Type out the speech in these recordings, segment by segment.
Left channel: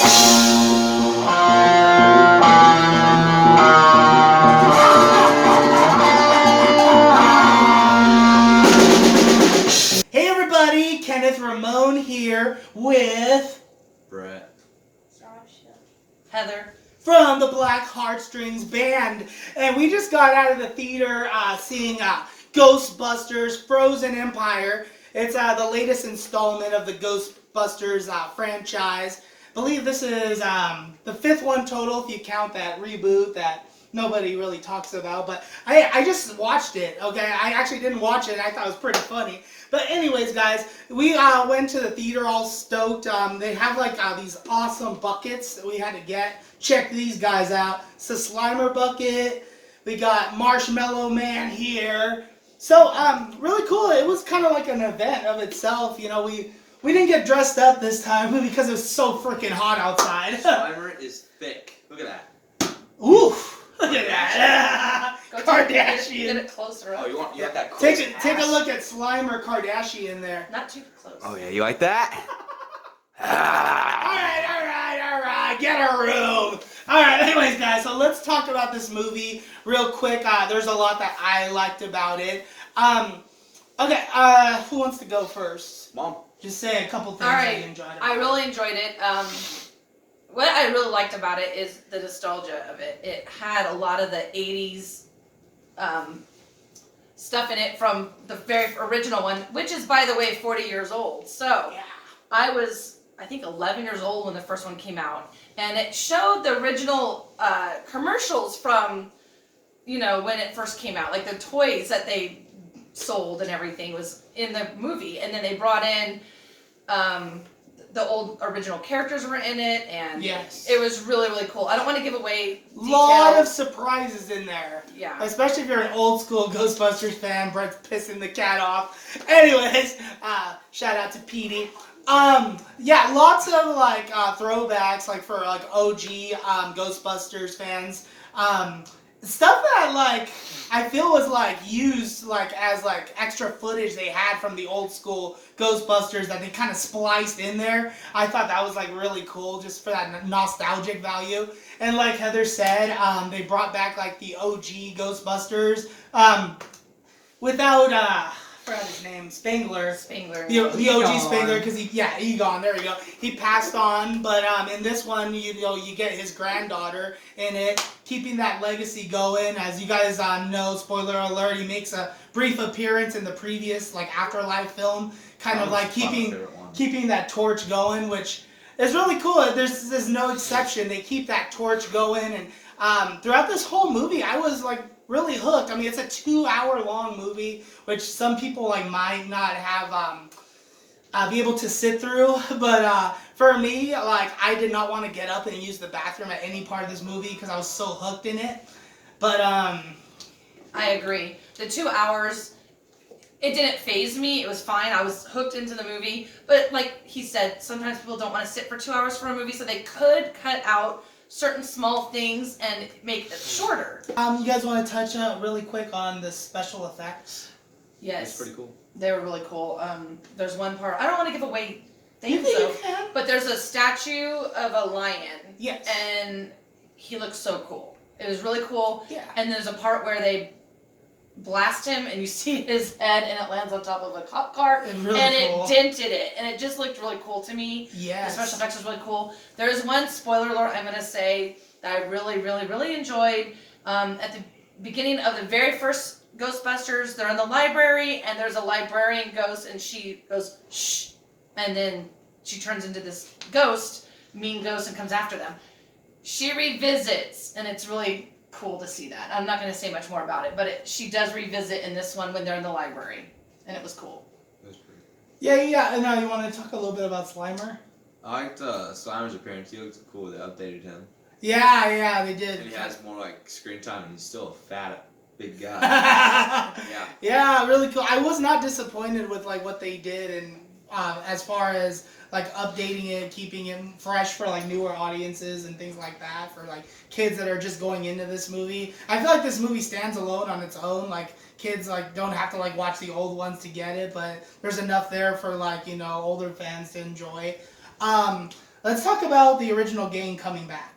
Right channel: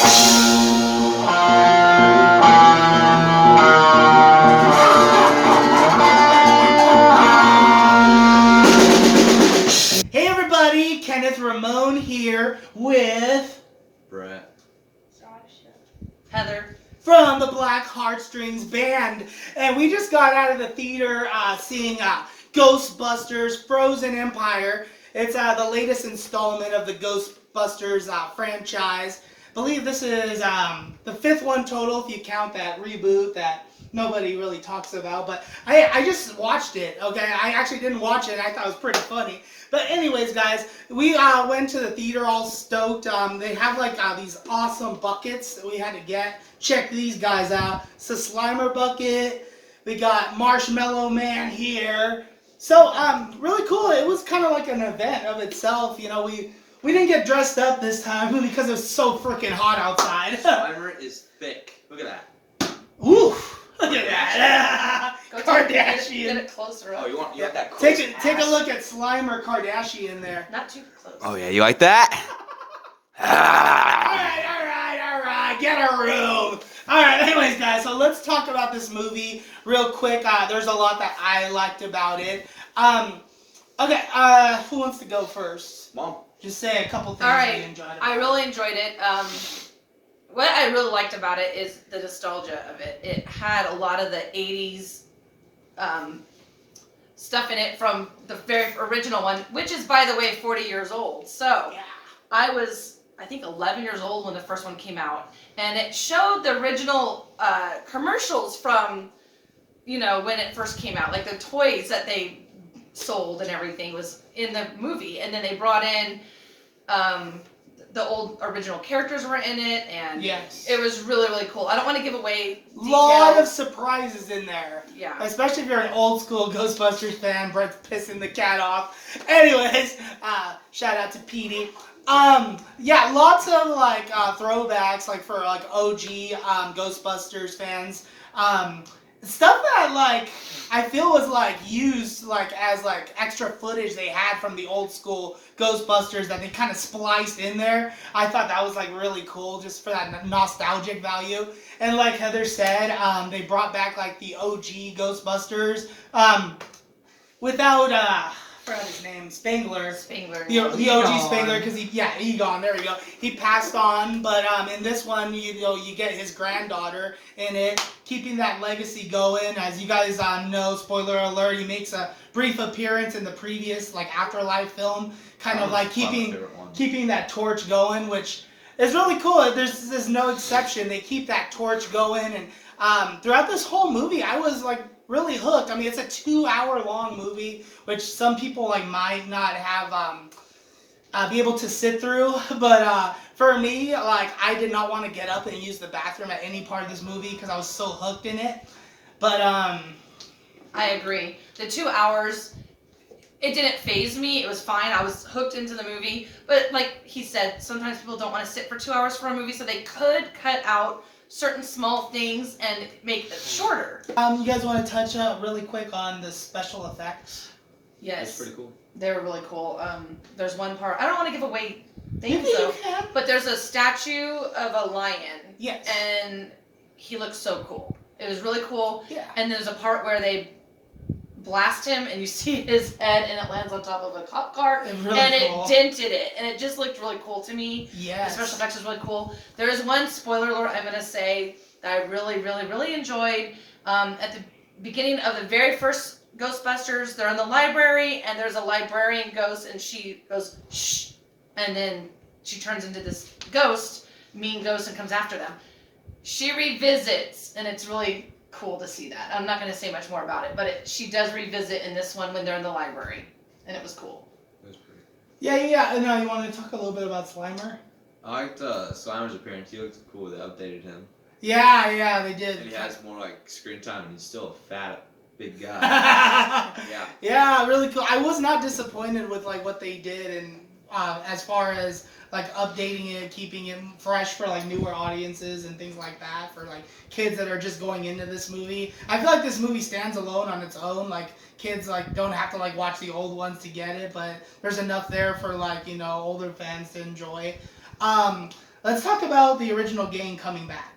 Hey everybody, Kenneth Ramon here with Brett. Heather. from the Black Heartstrings Band, and we just got out of the theater seeing Ghostbusters Frozen Empire. It's the latest installment of the Ghostbusters franchise. I believe this is the fifth one total if you count that reboot that nobody really talks about. But I just watched it, okay? I actually didn't watch it. I thought it was pretty funny. But anyways, guys, we went to the theater all stoked. They have like these awesome buckets that we had to get. Check these guys out. It's the Slimer bucket. We got Marshmallow Man here. So really cool. It was kind of like an event of itself. You know, we didn't get dressed up this time because it was so freaking hot outside. Slimer is thick. Look at that. Ooh, look at that. Kardashian. Get it closer up. Oh, you want that close Take a look at Slimer Kardashian there. Not too close. Oh yeah, you like that? All right, get a room. All right, anyways, guys, so let's talk about this movie real quick. There's a lot that I liked about it. Okay, who wants to go first? Mom. Just say a couple things All that right, you enjoyed about I really enjoyed it. What I really liked about it is the nostalgia of it. It had a lot of the 80s stuff in it from the very original one, which is, by the way, 40 years old. So Yeah. I was, I think, 11 years old when the first one came out. And it showed the original commercials from, you know, when it first came out. Like the toys that they sold and everything was in the movie. And then they brought in the old original characters were in it. And Yes. it was really, really cool. I don't want to give away details. Lot of surprises in there. Yeah. Especially if you're an old school Ghostbusters fan. Brett's pissing the cat off. Anyways, shout out to Petey. Yeah, lots of like throwbacks, like for like OG Ghostbusters fans. Stuff that like I feel was like used like as like extra footage they had from the old school Ghostbusters that they kind of spliced in there. I thought that was like really cool just for that nostalgic value. And like Heather said, they brought back like the OG Ghostbusters without I forgot his name, Spangler. The OG Spangler, because Egon. There we go. He passed on, but in this one, you get his granddaughter in it, keeping that legacy going. As you guys know, spoiler alert, he makes a brief appearance in the previous like Afterlife film, kind of like keeping that torch going, which is really cool. There's no exception. They keep that torch going, and throughout this whole movie, I was like really hooked. I mean, it's a 2-hour long movie, which some people like might not have be able to sit through. But for me, like I did not want to get up and use the bathroom at any part of this movie because I was so hooked in it. But I agree. The 2 hours, it didn't faze me. It was fine. I was hooked into the movie. But like he said, sometimes people don't want to sit for 2 hours for a movie, so they could cut out certain small things and make it shorter. You guys want to touch really quick on the special effects? Yes. It's pretty cool. They were really cool. There's one part, I don't want to give away things You though, can. but there's a statue of a lion. Yes. And he looks so cool. It was really cool. Yeah. And there's a part where they blast him and you see his head and it lands on top of a cop car It's really and cool. it dented it and it just looked really cool to me. Yes. The special effects was really cool. There's one spoiler alert I'm going to say that I really, really, really enjoyed. At the beginning of the very first Ghostbusters, they're in the library and there's a librarian ghost and she goes, shh, and then she turns into this ghost, mean ghost, and comes after them. She revisits, and it's really cool to see that. I'm not going to say much more about it, but she does revisit in this one when they're in the library, and it was cool. That's pretty. Yeah. And now you want to talk a little bit about Slimer? I liked Slimer's appearance. He looked cool. They updated him. Yeah, they did. And he has more like screen time, and he's still a fat, big guy. Yeah, really cool. I was not disappointed with like what they did, and as far as like updating it, keeping it fresh for like newer audiences and things like that, for like kids that are just going into this movie. I feel like this movie stands alone on its own. Like kids like don't have to like watch the old ones to get it, but there's enough there for like, you know, older fans to enjoy. let's talk about the original gang coming back.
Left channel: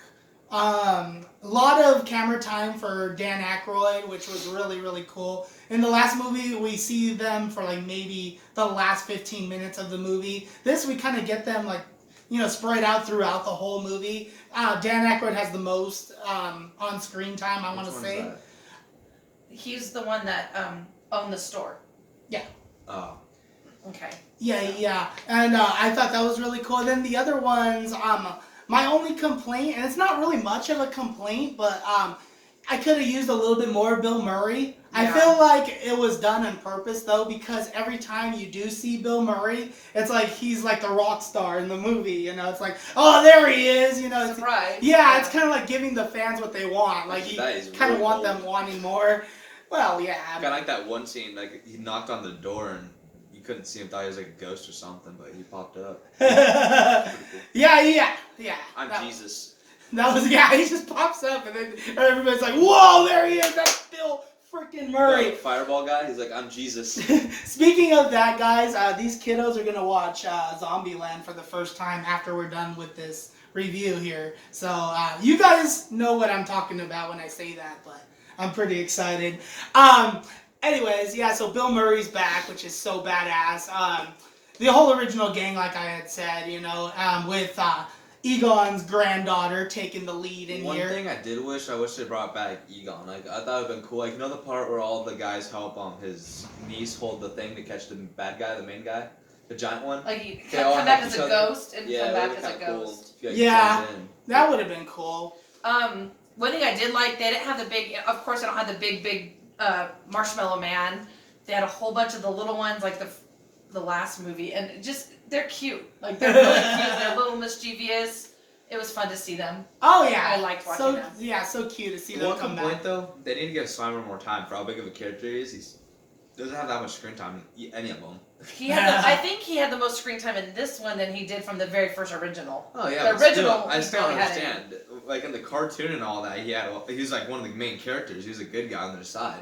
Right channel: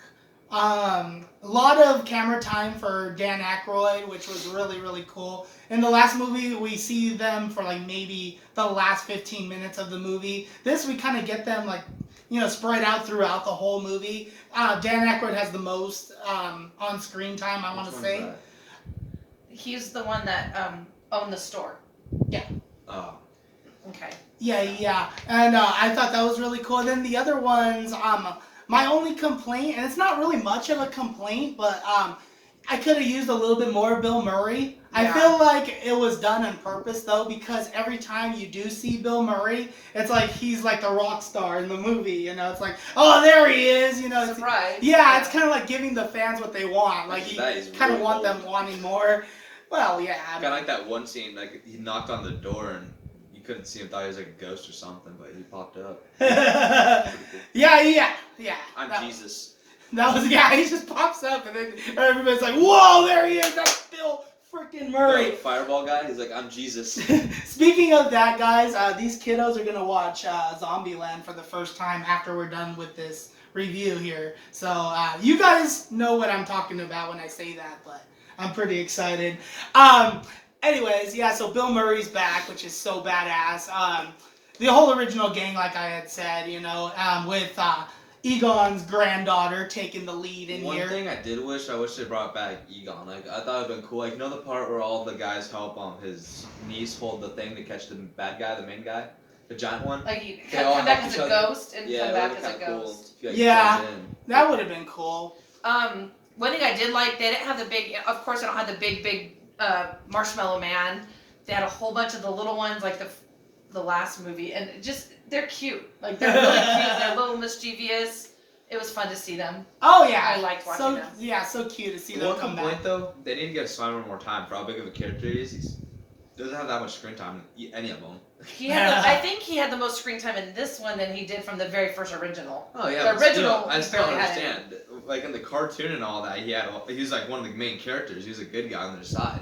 A lot of camera time for Dan Aykroyd, which was really, really cool. In the last movie, we see them for like maybe the last 15 minutes of the movie. This, we kind of get them like, spread out throughout the whole movie. Dan Aykroyd has the most on-screen time, I want to say. That? He's the one that owned the store. Yeah. Oh. Okay. Yeah. And I thought that was really cool. And then the other ones, my only complaint, and it's not really much of a complaint, but I could have used a little bit more Bill Murray. I Yeah. feel like it was done on purpose, though, because every time you do see Bill Murray, it's like he's like the rock star in the movie. It's like, oh, there he is. It's, Surprise. yeah, it's kind of like giving the fans what they want. Like, you That is kind of real want cool. them wanting more. Well, yeah. Kind of like that one scene, like he knocked on the door and you couldn't see him, thought he was like a ghost or something, but he popped up. Pretty cool. Yeah. I'm That- Jesus. That was, yeah, he just pops up and then everybody's like, whoa, there he is, that's Bill freaking Murray. The fireball guy, he's like, I'm Jesus. Speaking of that, guys, these kiddos are going to watch Zombieland for the first time after we're done with this review here. So you guys know what I'm talking about when I say that, but I'm pretty excited. Anyways, yeah, so Bill Murray's back, which is so badass. The whole original gang, like I had said, with Egon's granddaughter taking the lead in One here. thing I wish they brought back Egon. Like I thought it'd been cool. Like the part where all the guys help his niece hold the thing to catch the bad guy, the main guy, the giant one. Like you They all come back help as each a other. ghost and Yeah, come that back as would've a been kinda ghost. Cool. Yeah. Blend in. That would have been cool. One thing I did like, they didn't have the big. Of course, they don't have the big marshmallow man. They had a whole bunch of the little ones, like the last movie, and just they're cute. Like they're really cute. They're a little mischievous. It was fun to see them. Oh yeah, I liked watching them. Yeah, so cute to see them One come complaint back. though, they need to give Slimer more time for how big of a character he is. He doesn't have that much screen time in any of them. I think he had the most screen time in this one than he did from the very first original. Oh yeah, The but original, Still, I he still don't barely had understand. Like in the cartoon and all that, he was like one of the main characters. He was a good guy on their side.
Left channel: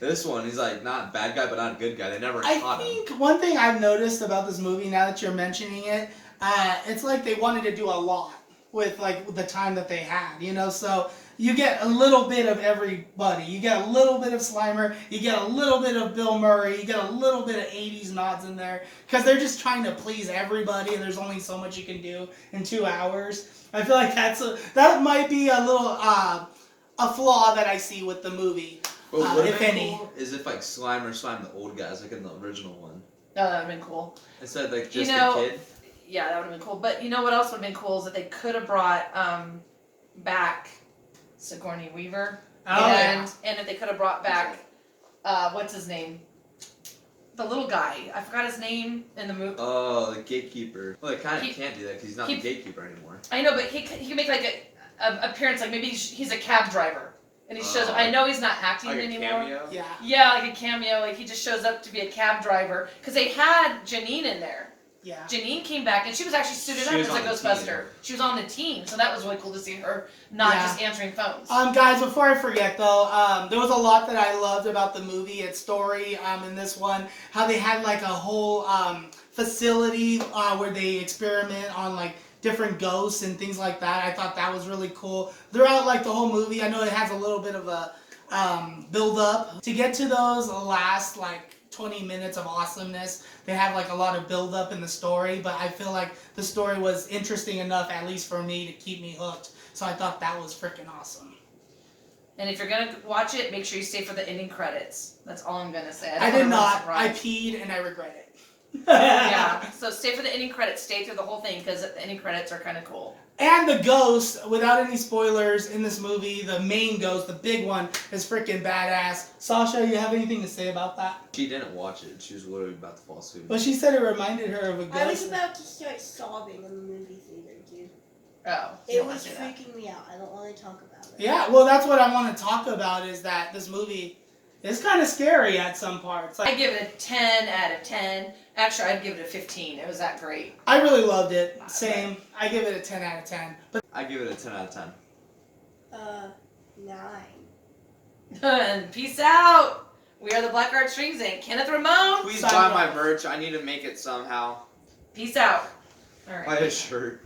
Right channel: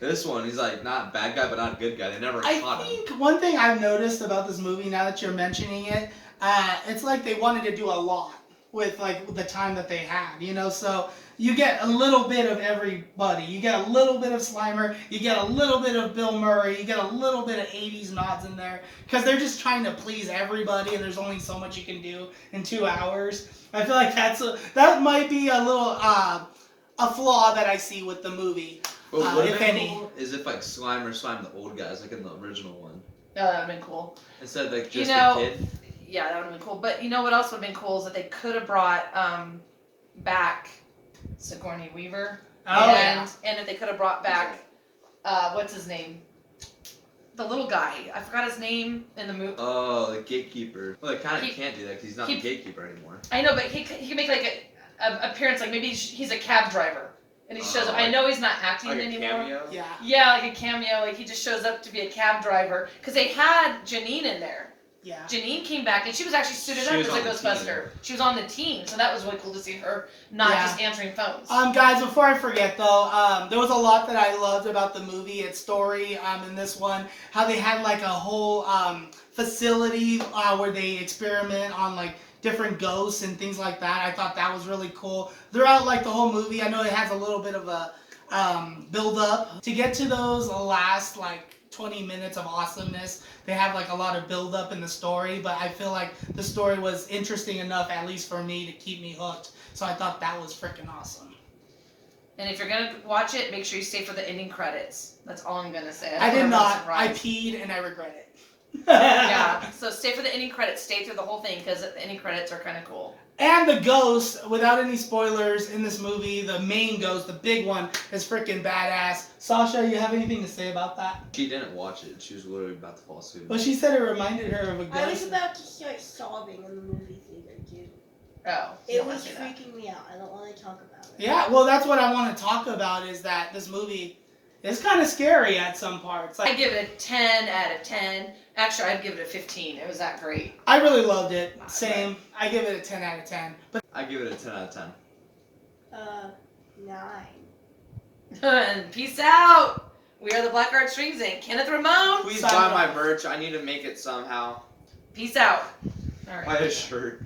This one, he's like not bad guy, but not a good guy. They never I caught him. think one thing I've noticed about this movie, now that you're mentioning it, it's like they wanted to do a lot with like the time that they had, so you get a little bit of everybody. You get a little bit of Slimer, you get a little bit of Bill Murray, you get a little bit of 80s nods in there, because they're just trying to please everybody, and there's only so much you can do in 2 hours. I feel like that might be a little a flaw that I see with the movie. But what if any. cool is if like Slimer slimed the old guys like in the original one Oh, that would have been cool. instead of like just know, a kid. Yeah, that would have been cool. But you know what else would have been cool is that they could have brought back Sigourney Weaver. Oh, and if they could have brought back what's his name? The little guy. I forgot his name in the movie. Oh, the gatekeeper. Well, they kind of He- can't do that because he's not the gatekeeper anymore. I know, but he can make like a appearance, like maybe he's a cab driver, and he shows up. I know he's not acting Like a anymore. cameo. Yeah. Yeah, like a cameo. Like he just shows up to be a cab driver because they had Janine in there. Yeah. Janine came back and she was actually suited She up was as a on the Ghostbuster. She was on the team, so that was really cool to see her not Yeah. just answering phones. Guys, before I forget though, there was a lot that I loved about the movie, its story, in this one. How they had like a whole facility where they experiment on like different ghosts and things like that. I thought that was really cool. Throughout like the whole movie, I know it has a little bit of a build up to get to those last like 20 minutes of awesomeness. They have like a lot of build up in the story, but I feel like the story was interesting enough, at least for me, to keep me hooked. So I thought that was freaking awesome. And if you're gonna watch it, make sure you stay for the ending credits. That's all I'm gonna say. I don't did wanna ruin not. the I surprise. peed and I regret it. Yeah. So stay for the ending credits. Stay through the whole thing because the ending credits are kind of cool. And the ghost, without any spoilers, in this movie, the main ghost, the big one, is freaking badass. Sasha, you have anything to say about that? She didn't watch it. She was literally about to fall asleep. Well, she said it reminded her of a I was ghost. about to start sobbing in the movie theater, dude. Oh. you It don't wanna was see that. freaking me out. I don't want to talk about it. Yeah, well, that's what I want to talk about, is that this movie is kind of scary at some parts. I Like, give it a 10 out of 10. Actually, I'd give it a 15. It was that great. I really loved it. Same. I give it a 10 out of 10. But I give it a 10 out of 10. 9. And peace out. We are the Black Art Streams and Kenneth Ramon. Please Sign buy off. my merch. I need to make it somehow. Peace out. All right. Buy a shirt.